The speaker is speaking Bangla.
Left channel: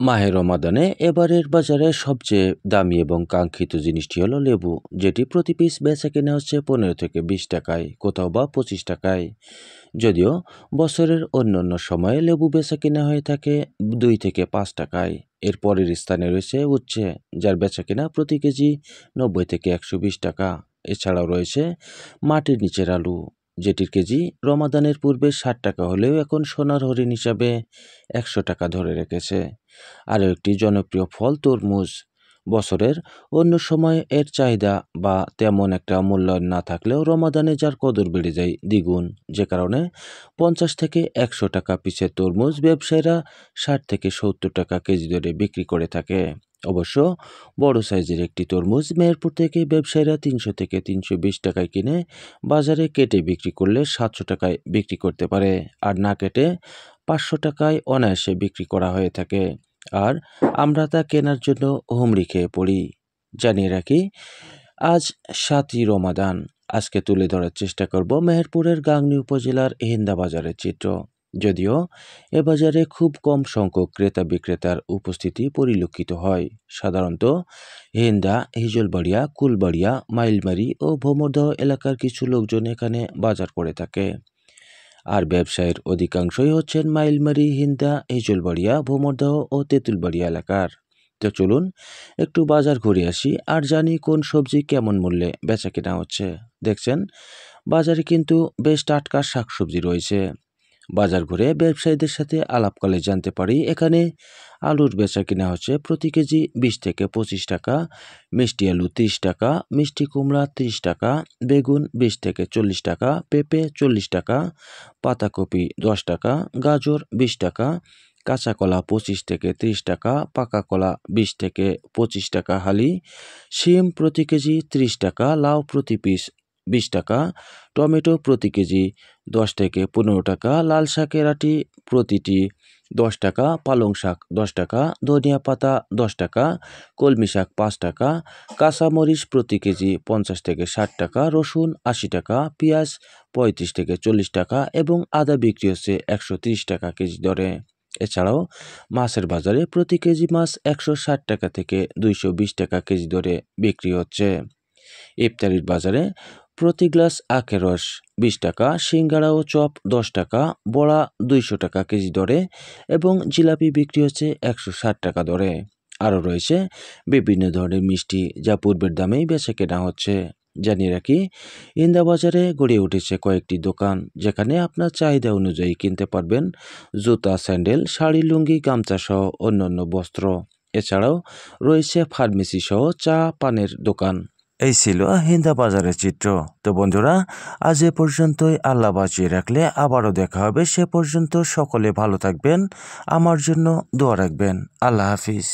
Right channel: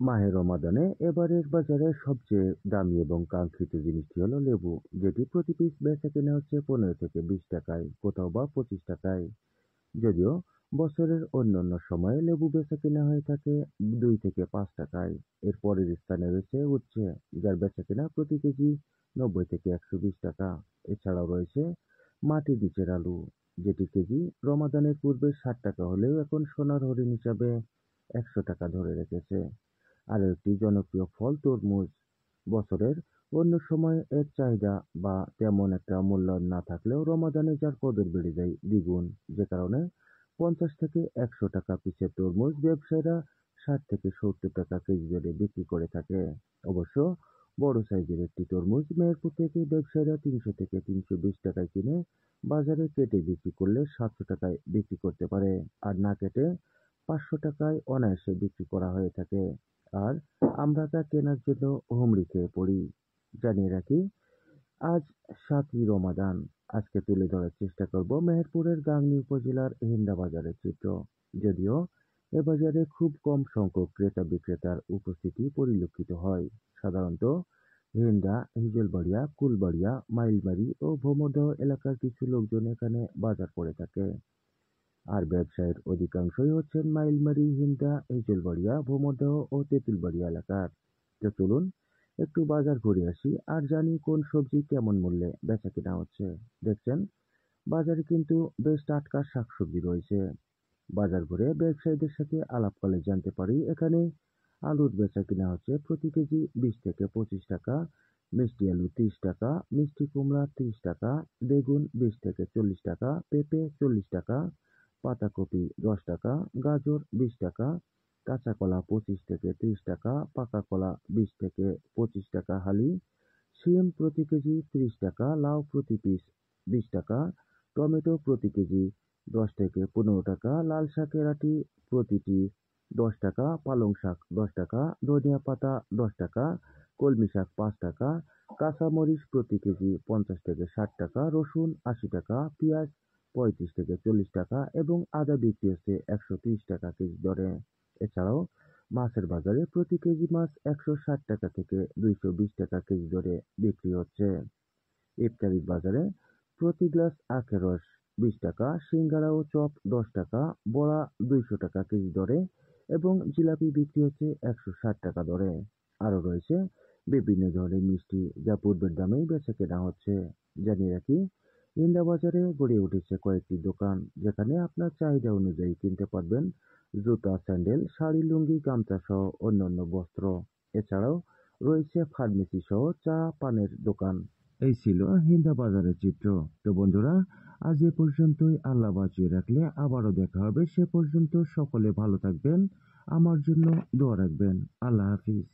মাহে রমাদানে এবারের বাজারে সবচেয়ে দামি এবং কাঙ্ক্ষিত জিনিসটি হলো লেবু, যেটি প্রতি পিস বেচা কেনা হচ্ছে 15 থেকে 20 টাকায়, কোথাও বা 25 টাকায়। যদিও বছরের অন্যান্য সময়ে লেবু বেচা কেনা হয়ে থাকে 2 থেকে 5 টাকায়। এর পরের স্থানে রয়েছে উচ্ছে, যার বেচা কেনা প্রতি কেজি 90 থেকে 120 টাকা। এছাড়াও রয়েছে মাটির নিচের আলু, যেটির কেজি রমাদানের পূর্বে 60 টাকা হলেও এখন সোনার হরিণ হিসাবে 100 টাকা ধরে রেখেছে। আরও একটি জনপ্রিয় ফল তরমুজ। বছরের অন্য সময় এর চাহিদা বা তেমন একটা মূল্যায়ন না থাকলেও রমাদানে যার কদর বেড়ে যায় দ্বিগুণ, যে কারণে 50 থেকে 100 টাকা পিসের তরমুজ ব্যবসায়ীরা 60 থেকে 70 টাকা কেজি দরে বিক্রি করে থাকে। অবশ্য বড় সাইজের একটি তরমুজ মেহেরপুর থেকে ব্যবসায়ীরা 300 থেকে 320 টাকায় কিনে বাজারে কেটে বিক্রি করলে 700 টাকায় বিক্রি করতে পারে, আর না কেটে 500 টাকায় অনায়াসে বিক্রি করা হয়ে থাকে। আর আমরা তা কেনার জন্য হুমড়ি খেয়ে পড়ি। জানিয়ে রাখি, আজ 7ই রমাদান। আজকে তুলে ধরার চেষ্টা করব মেহেরপুরের গাংনী উপজেলার হিন্দা বাজারের চিত্র। যদিও এ বাজারে খুব কম সংখ্যক ক্রেতা বিক্রেতার উপস্থিতি পরিলক্ষিত হয়। সাধারণত হিন্দা, হিজলবাড়িয়া, কুলবাড়িয়া, মাইলমারি ও ভোমরদহ এলাকার কিছু লোকজন এখানে বাজার করে থাকে। আর ব্যবসায়ের অধিকাংশই হচ্ছেন মাইলমারি, হিন্দা, হিজলবাড়িয়া, ভোমরদহ ও তেঁতুলবাড়িয়া এলাকার। তো চলুন একটু বাজার ঘুরে আসি আর জানি কোন সবজি কেমন মূল্যে বেচা কেনা হচ্ছে। দেখছেন, বাজারে কিন্তু বেশ টাটকা শাকসবজি রয়েছে। বাজার ঘুরে ব্যবসায়ীদের সাথে আলাপকালে জানতে পারি এখানে আলুর বেচা কিনা হচ্ছে প্রতি কেজি 20 থেকে 25 টাকা, মিষ্টি আলু 30 টাকা, মিষ্টি কুমড়া 30 টাকা, বেগুন 20 থেকে 40 টাকা, পেঁপে 40 টাকা, পাতাকপি 10 টাকা, গাজর 20 টাকা, কাঁচা কলা 25 থেকে 30 টাকা, পাকা কলা 20 থেকে 25 টাকা হালি, শিম প্রতি কেজি 30 টাকা, লাউ প্রতি পিস 20 টাকা, টমেটো প্রতি কেজি 10 থেকে 15 টাকা, লাল শাকের আটি প্রতিটি 10 টাকা, পালং শাক 10 টাকা, ধনিয়া পাতা 10 টাকা, কলমি শাক 5 টাকা, কাঁচামরিচ প্রতি কেজি 50 থেকে 60 টাকা, রসুন 80 টাকা, পেঁয়াজ 35 থেকে 40 টাকা এবং আদা বিক্রি হচ্ছে 130 টাকা কেজি দরে। এছাড়াও মাছের বাজারে প্রতি কেজি মাছ 160 টাকা থেকে 220 টাকা কেজি দরে বিক্রি হচ্ছে। ইফতারির বাজারে প্রতি গ্লাস আখের রস 20 টাকা, সিঙ্গাড়া ও চপ 10 টাকা, বড়া 200 টাকা কেজি দরে এবং জিলাপি বিক্রি হচ্ছে 160 টাকা দরে। আরও রয়েছে বিভিন্ন ধরনের মিষ্টি, যা পূর্বের দামেই বেচা কেনা হচ্ছে। জানিয়ে রাখি, ইন্দা বাজারে গড়ে উঠেছে কয়েকটি দোকান, যেখানে আপনার চাহিদা অনুযায়ী কিনতে পারবেন জুতা, স্যান্ডেল, শাড়ি, লুঙ্গি, গামছা সহ অন্যান্য বস্ত্র। এছাড়াও রয়েছে ফার্মেসি সহ চা পানের দোকান। এই ছিল হিন্দা বাজারের চিত্র। তো বন্ধুরা, আজ এ পর্যন্তই। আল্লাহ বাঁচিয়ে রাখলে আবারও দেখা হবে। সে পর্যন্ত সকলে ভালো থাকবেন, আমার জন্য দোয়া রাখবেন। আল্লাহ হাফিজ।